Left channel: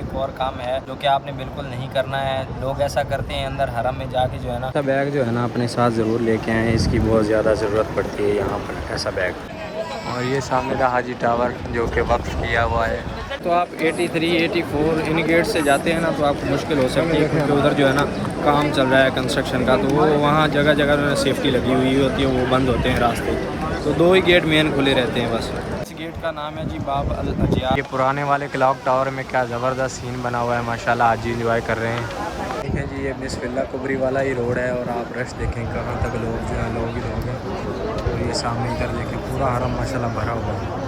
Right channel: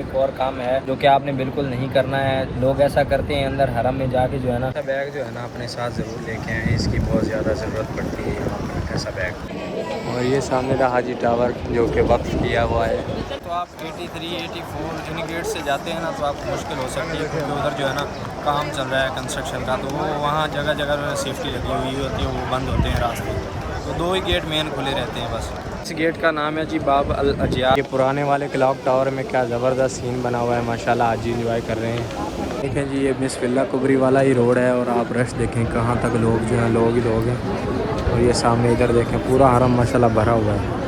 एक और काम है जो कि आपने बिल्कुल नहीं करना है। लोग ऐसा करते हैं अंदर हरम में जाके जो है ना, बैग जो है ना अपने साथ ज़रूर लेके आएँ, इसकी बहुत ज़्यादा ज़रूरत पड़ती है यहाँ पर ऐसा बैग। और ये सामने रहा हाजी टावर जो कि वक्फ किया हुआ है। तो आप 83, 84 इन गेट से जाते हैं ना तो आपको मुश्किल हो सकती है, क्योंकि उधर जो है ना काम चल रहा है कंस्ट्रक्शन का, तो वो वहाँ जगह जगह जो है सेफ्टी लगी हुई होती है, वो बंद होते हैं रास्ते। तो 2 ही गेट मेन खुले रहते हैं बस। इस गेट का नाम है जी बाब अल अजिया। ये पुराने वाले क्लॉक टावर में क्या ज़बरदस्त सीन बना हुआ है, माशाल्लाह आज इंजॉय कर रहे हैं। देखें जी ये बिस्मिल्लाह कुबरी वाला ही रोड है और आप रश देखें कहाँ तक लोग जो है लोग ही लोग हैं। और ये सामने इधर देखें पूरा हरम माशाल्लाह भरा हुआ है।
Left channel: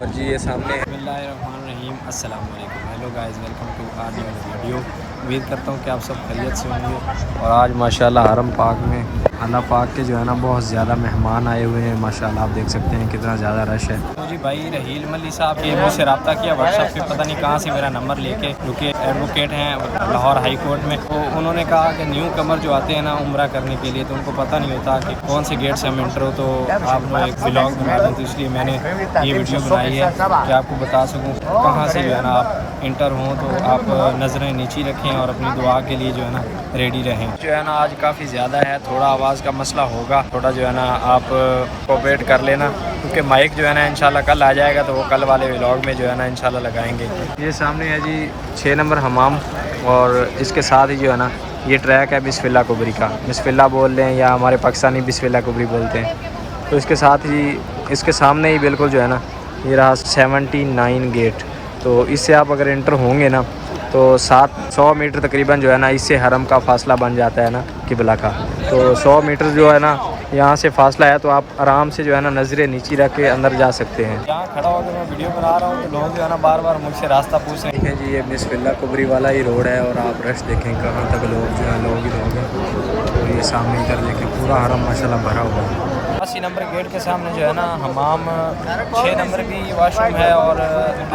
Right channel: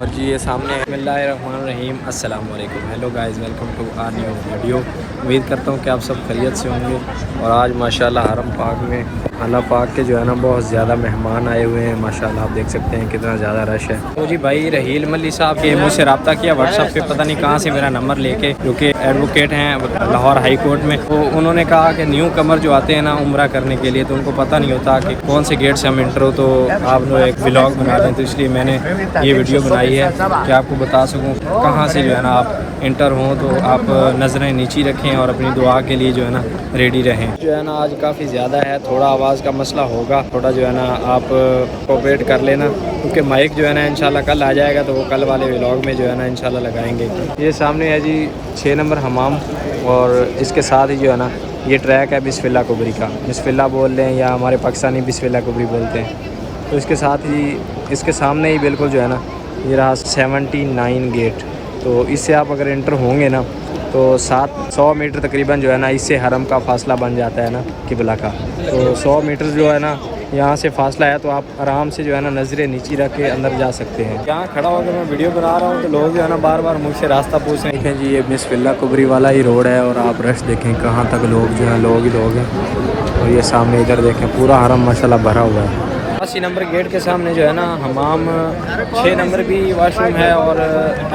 और जी ये सामने बिस्मिल्लाहिर्रहमानिर्रहीम अस्सलाम वालेकुम, hello guys, welcome to our new video. उम्मीद करता हूँ कि आप सब खैरियत से होंगे। और आज माशाल्लाह हरम पाक में अल्लाह पाक के जो है ना बहुत ज़्यादा मेहमान आए हुए हैं माशाल्लाह, आप देख सकते हैं कितना ज़्यादा रश है। तो जी भाई रहील मल्ली साहब के मुझसे रब्ता किया व्हाट्सअप पे, पता नहीं कहाँ से मेरा नंबर लेके, क्योंकि एडवोकेट हैं लाहौर हाई कोर्ट में। तो उन्होंने कहा कि न्यू कमर जो आते हैं ना उम्रा करने के लिए, तो उनको पता नहीं होता कि कौन से गेट से हम इंटर हो, तो आप लोग एक व्लॉग बना दें। तो इसलिए मैंने ये वीडियो बनाई है कि आपको बता सकूँ कहाँ से जो है ना आप इंटर हों, तो आप नज़रें नीची रखें और अपनी दुआ के लिए जो है ना रेडी रहें। जो है ना आज काफ़ी ज़्यादा है, थोड़ा आवाज़ का मसला होगा, थोड़ा जो है ना आप कोऑपरेट कर लेना, क्योंकि माइक जो है ना इंशाल्लाह कल आ जाएगा, तो वो कल वाले व्लॉग में जो है ना इंशाल्लाह लगाएंगे। ये सामने है जी 6 नंबर हमाम, और इसके साथ ही जो है ना ये ट्रैक है बिस्मिल्लाह कुबरी का। बिस्मिल्लाह बोल लें या हमारे पाकिस्तानी बिस्मिल्लाह कुबरी बोलते हैं। तो इसके साथ ही इसके सामने ही बिल्कुल जो है ना ये रहा 79 गेट। तो इससे आप अगर इंटर होंगे ना तो 700 मीटर तकरीबन जो है ना इससे हरम का फ़ासला बन जाता है ना किबला का। तो 100 मीटर जो है ना यहाँ से फासला है, तो आप आराम से जो है ना नज़रें नीची रख के अंदर जा सकते हैं। यहाँ खड़ा होकर मैं वीडियो बना रहा हूँ तो लोग जो है ना बार बार मुझसे रास्ता पूछ रहे हैं। देखें जी ये बिस्मिल्लाह कुबरी वाला ही रोड है और आप रश देखें कहाँ तक लोग जो है लोग ही लोग हैं। और ये सामने इधर देखें पूरा हरम माशाल्लाह भरा हुआ है। 80 नंबर गेट के सामने जो है ना हमाम 6 नंबर भी वाशरूम है और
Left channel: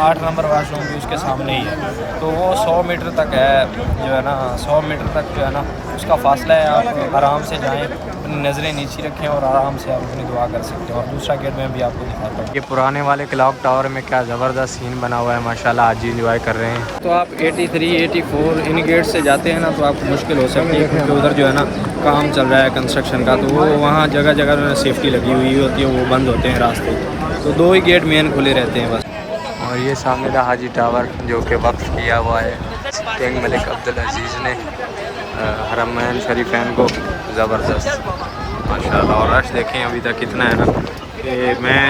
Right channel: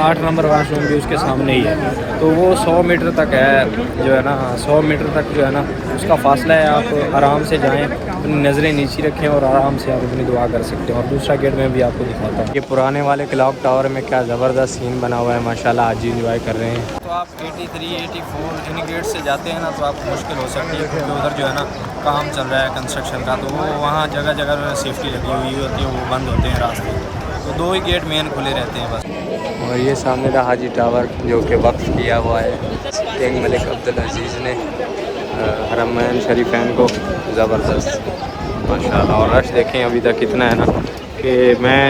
8 नंबर वाशरूम भी उसके सामने ही है। तो वो 100 मीटर तक है जो है ना, 100 मीटर तक जो है ना उसका फासला है। आप आराम से जाएं, अपनी नज़रें नीची रखें और आराम से आप अपनी दुआ कर सकते हैं। और दूसरा गेट मैं भी आपको दिखाता हूँ। ये पुराने वाले क्लॉक टावर में क्या ज़बरदस्त सीन बना हुआ है माशाल्लाह, आज इंजॉय कर रहे हैं। तो आप 83, 84 इन गेट से जाते हैं ना तो आपको मुश्किल हो सकती है, क्योंकि उधर जो है ना काम चल रहा है कंस्ट्रक्शन का, तो वो वहाँ जगह जगह जो है सेफ्टी लगी हुई होती है, वो बंद होते हैं रास्ते। तो 2 ही गेट मेन खुले रहते हैं बस। और ये सामने रहा हाजी टावर जो कि वक्फ किया हुआ है किंग मलिक अब्दुल अजीज़ ने हरमैन शरीफैन को। ज़बरदस्त माशाल्लाह। और रश देखें अभी तक कितना है ना कि मैं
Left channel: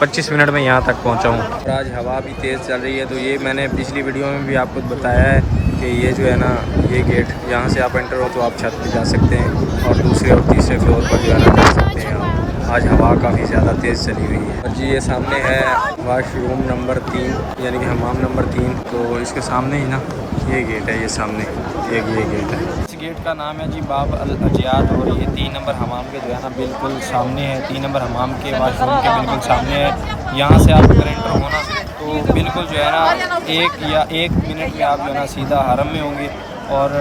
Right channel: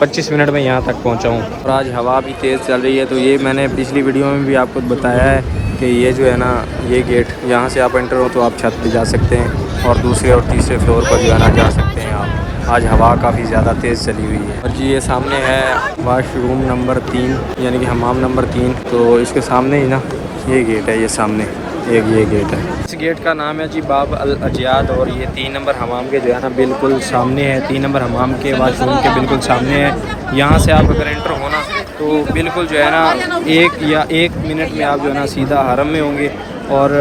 25 मिनट में यहाँ तक पहुँचा हूँ। और आज हवा भी तेज़ चल रही है। तो ये मैंने पिछली वीडियो में भी आपको बताया है कि ये जो है ना ये गेट यहाँ से आप एंटर हो तो आप छत पे जा सकते हैं और दूसरे और तीसरे फ्लोर पर जो है ना जा सकते हैं आप। आज हवा काफ़ी ज़्यादा तेज़ चली हुई है। और जी ये सामने है वाशरूम नंबर 3 यानी कि हमाम नंबर 3। तो इसके सामने ही ना ये गेट है, ये सामने एक ये गेट है। इस गेट का नाम है जी बाब अल अजियाद और ये 3 नंबर हमाम के जो है ना बिल्कुल सामने है। 3 नंबर हमाम के वाशरूम के बिल्कुल सामने है। यहाँ से आप अगर एंटर होना तो बिल्कुल जो है ना 1 मिनट में आप जो है ना सीधा हरम में होंगे। और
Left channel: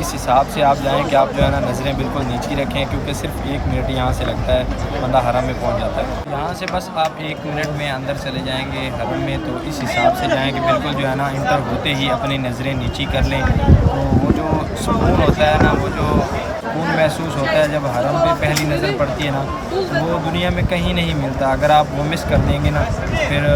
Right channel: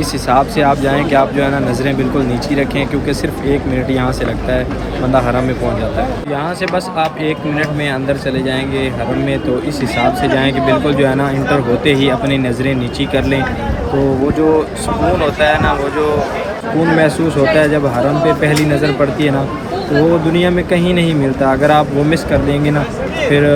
इस हिसाब से आप जाएं कि आप जो है ना नज़रें बिल्कुल नीची रखें, क्योंकि सिर्फ 1 मिनट यहाँ से लगता है, बंदा हरम में पहुँच जाता है। यहाँ से बस आप 1 मिनट में अंदर चले जाएंगे हरम में। तो इस हिसाब से जाएं कि बिल्कुल जो है ना इंटर होते ही अपनी नज़रें नीची कर लें। तो वो जो सुकून होता है ना, वो जो सुकून महसूस होता है जब हरम पे पहली नज़र पड़ती है ना, तो वो दुनिया में कहीं नहीं मिलता। अगर आप वो मिस कर देंगे ना फिर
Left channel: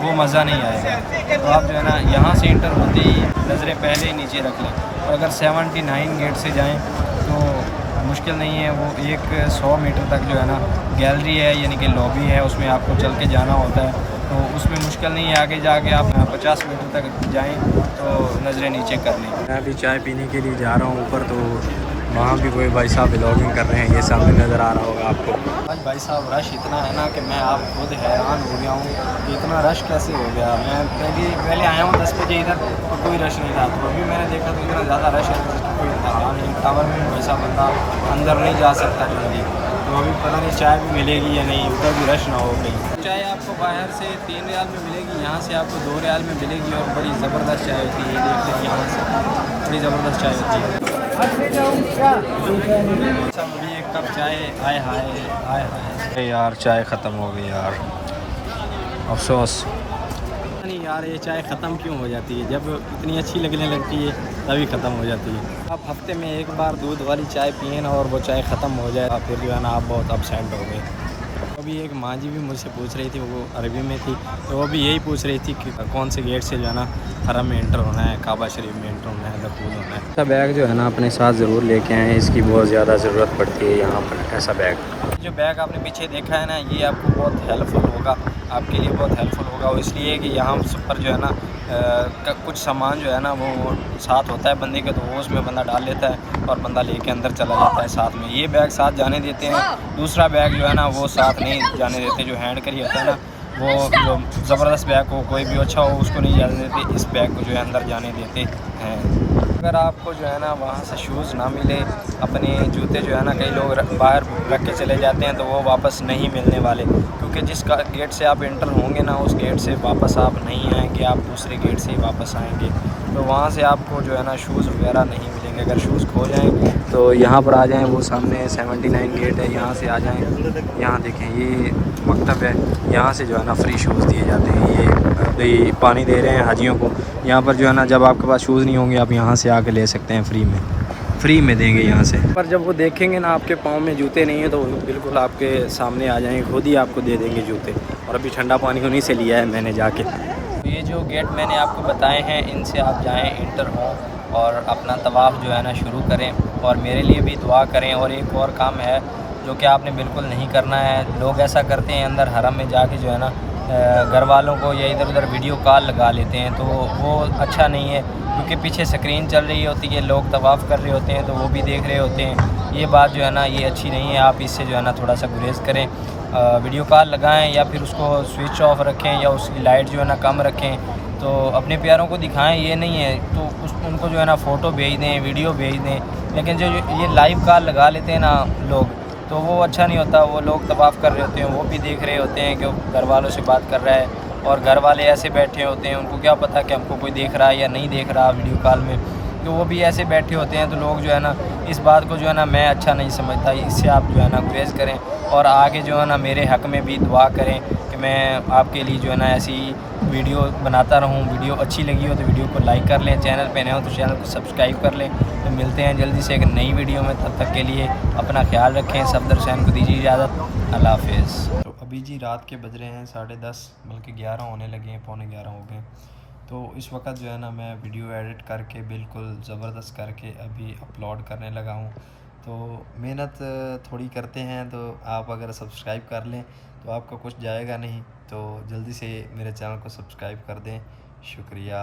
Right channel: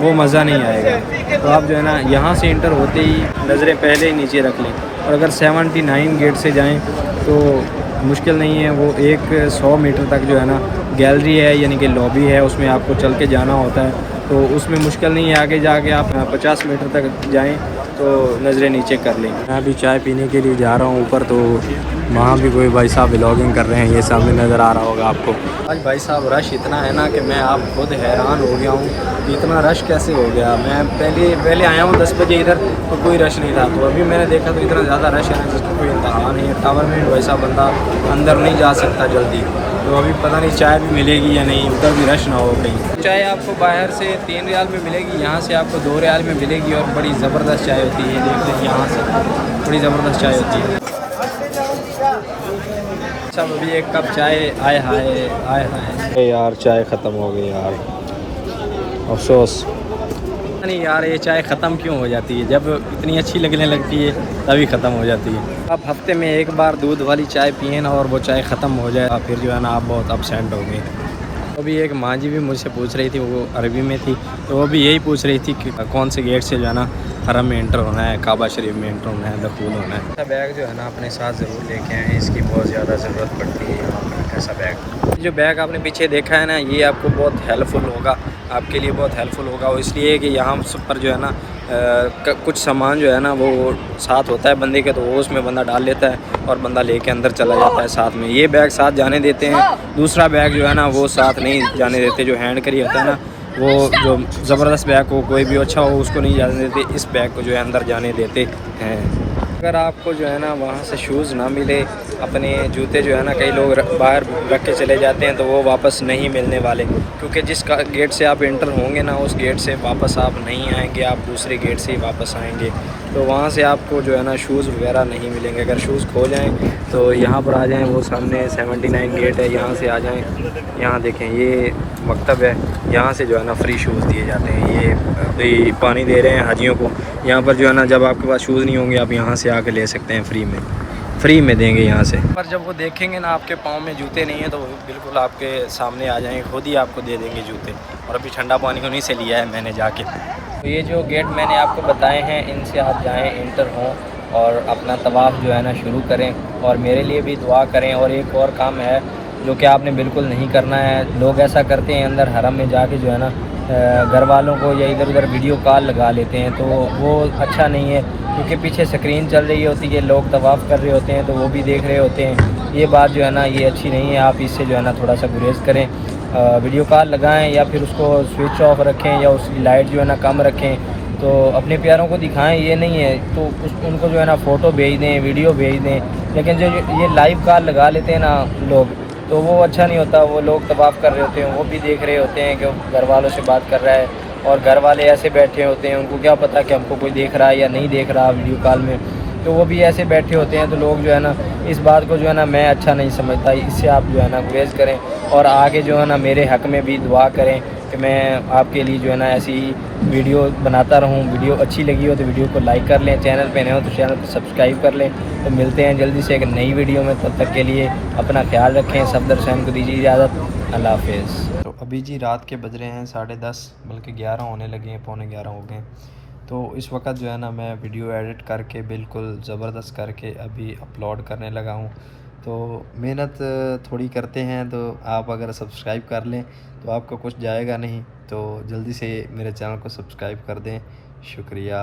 वो मज़ा नहीं आएगा। तो आप जो है ना यहाँ से इंटर होते ही नज़रें पहले ही नीचे रख लें। और अगर 79 गेट से जाएं तो मुश्किल नहीं है, वो 100 मीटर तक जो है ना गैलरी है यानी कि लॉबी है, उसमें आपको चल के जाना होता है। तो उसमें मुश्किल नहीं है, आगे जाके आप 50 मीटर तक जाएं तो नज़रें नीचे कर लें। मैं अभी चाय पीने के लिए जा रहा हूँ ऊपर, तो वहाँ भी कोई भाई साहब व्लॉगिंग कर रहे हैं, ये सामने नज़र आ रहा होगा आपको। आज भाई साहब रश इतना है ना कि मैं आप खुद हैरान हो गया हूँ, इतना रश कैसे हो गया। मैं पहले आया हूँ 10 बजे इधर तो कोई रश नहीं था, तो अभी मैंने देखा तो इतना ज़्यादा रश है जिसका कोई इंतहा नहीं है। टावर में वैसा बंदा अंदर नहीं जा सकता जल्दी। तो अभी पता नहीं चाय भी मिलेगी या नहीं, उधर भी रश ना हो कहीं। चाय आपको बाहर से 3 रियाल में मिलेगी, यहाँ से आपको 2 रियाल में मिलेगी और बड़ी ज़बरदस्त चाय होती है। देख लें यहाँ से बड़ी ज़बरदस्त चाय होती है। सब अभी एक कप चाय आए हाय यार, चाय ख़त्म हो गई यार, अफसोस। नहीं यार ये चाय ख़त्म क्यों हो जाती है, जब इतनी अच्छी लगने लगती है तभी ख़त्म हो जाती है। आप हफ्ते में एक बार दूध वाली चाय पिए ना और वो चाय ख़त्म हो जाए फिर जो है ना आप बहुत अपसेंट हो गए। तो भी एक माँ जी भी मुझसे पूछ रही थी, वो अरबी में थी, तो वो भी यही पूछ रही थी कि कौन से गेट से जो है ना हरम में एंटर होना है, काबा शरीफ में एंटर होना है, दखूल होना है। ऐसा बैग जो है ना अपने साथ ज़रूर लेके आएँ, इसकी बहुत ज़्यादा ज़रूरत पड़ती है यहाँ पर। ऐसा बैग, जो बैग आपने पीछे देखा है ना, ये आपको बहुत हेल्पफुल होगा, आपके लिए बहुत हेल्पफुल होगा। वो इसलिए कि यहाँ पर जो है ना कुछ सामान जो है ना वो साथ होता है बंदे के, तो वो उसमें बंदा डाल लेता है और बंदा लेके अंदर चला जाता है साथ में। ये बैग साथ जाने देते हैं, दूसरा बैग जो है ना वो साथ नहीं जाने देते। जो हैंड कैरी होता है ना, वो जो ज़बरदस्त बैग हो, कोई भी अच्छा हो, उसको नहीं जाने देते, इस बैग को जो है अंदर जाने देते हैं। अगर आपको जो है ना वहाँ से शूज़ ना मिले, अपने जूते जो है ना कई लोग बाहर रख के चले जाते हैं, तो वो वापस नहीं मिलने वाले, क्योंकि जिस गेट से आप एंटर होंगे ना उस गेट से वापस आप नहीं आएंगे, आप दूसरे गेट से ही वापस आएंगे। तो वहाँ से आपको जो है ना शूज़ वगैरह नहीं मिलेंगे। अगर शूज़ खो जाएं तो यहाँ पर आ जाएं, वो सामने 79 गेट है, यहाँ से आ जाएं। यहाँ देखें ये मकतब है, यहाँ से जो है ना फ्री शूज़ दिए जाते हैं। ये अभी पानी दे रहे हैं हाजियों को, यहाँ पर जो है ना जब आपके पास शूज़ नहीं होंगे आप यहाँ से आके ले सकते हैं, फ्री में देंगे यहाँ से। पर जब वो देखेंगे ना आपके पाँव में जूते नहीं है तो बिल्कुल आपके सामने आ जाएंगे, खुद ही आपको दे देंगे जूते। और अभी ठंडा पानी उन्हीं से लिया है मैंने जाके। तो ये जो गेट मैंने आपको बताए हैं, इनसे आप जाएँ, एंटर हों और अपना तवाफ़ जो है ना शुरू करें, और मेरे लिए भी दुआ करें। और एक और काम है जो कि आपने बिल्कुल नहीं करना है। लोग ऐसा करते हैं अंदर हरम में जाके जो है ना घर वालों को या इधर उधर वीडियो कॉल लगा लेते हैं, तो वो अच्छा नहीं है, क्योंकि पीछे स्क्रीन चल रही होती है, लोग तवाफ़ कर रहे होते हैं तो वो भी देख रहे होते हैं। ये बात जो है ना ये अच्छी नहीं है, आप इससे जो है ना थोड़ा सा गुरेज करें। वीडियो कॉल लगाएं या फिर उसको स्विच ऑफ रखें या उसकी लाइट जो है ना कम रखें, तो अपने प्यारों को दिखाएं। ये नहीं है तो उनको जो है ना फ़ोटो भेज दें, वीडियो भेज दें। लेकिन जो ये लाइव कॉल लगा लेते हैं ना लोग, तो वो अच्छा नहीं होता। वो लोग तवाफ़ कर रहे होते हैं, वो भी देख रहे होते हैं कि घर वालों से बात कर रहा है, और घर वाले ऐसे बैठे होते हैं, उनको क्या पता कि हमको कोई देख रहा है या नहीं देख रहा वीडियो कॉल में, तो वो भी ऐसे बैठे होते हैं। तो लोग जो है ना इस बात को जो है ना मैं अच्छा नहीं समझता, इससे आप जो है ना गुरेज करें और आगे जो है ना मेरे हक़ में भी दुआ करें कि मैं आपके लिए जो है ना ऐसी वीडियो बनाता रहूं। वीडियो अच्छी लगी हो तो वीडियो को लाइक कर लें, चैनल पे नए हो तो चैनल को सब्सक्राइब कर लें। तो मिलते हैं जल्दी से एक नई वीडियो में, तब तक के लिए अपना ख्याल रखें। सफदर हुसैन को दीजिए इजाज़त, अल्लाह हाफ़िज़। तो अभी जी रात के बज रहे हैं 10:30, बल्कि 11 होने लगे हैं, पौने 11 हो गए। तो इस वक्त जो है ना मैं वीडियो एडिट करके बिल्कुल ज़बरदस्त करके अभी अपलोड करने लगा हूँ। तो मेहनत थोड़ी करते हैं, तो आप अगर सब्सक्राइब कर लें तो आपका कुछ जाएगा नहीं, तो जल्दी से मेरे चैनल को सब्सक्राइब कर दें। शुक्रिया।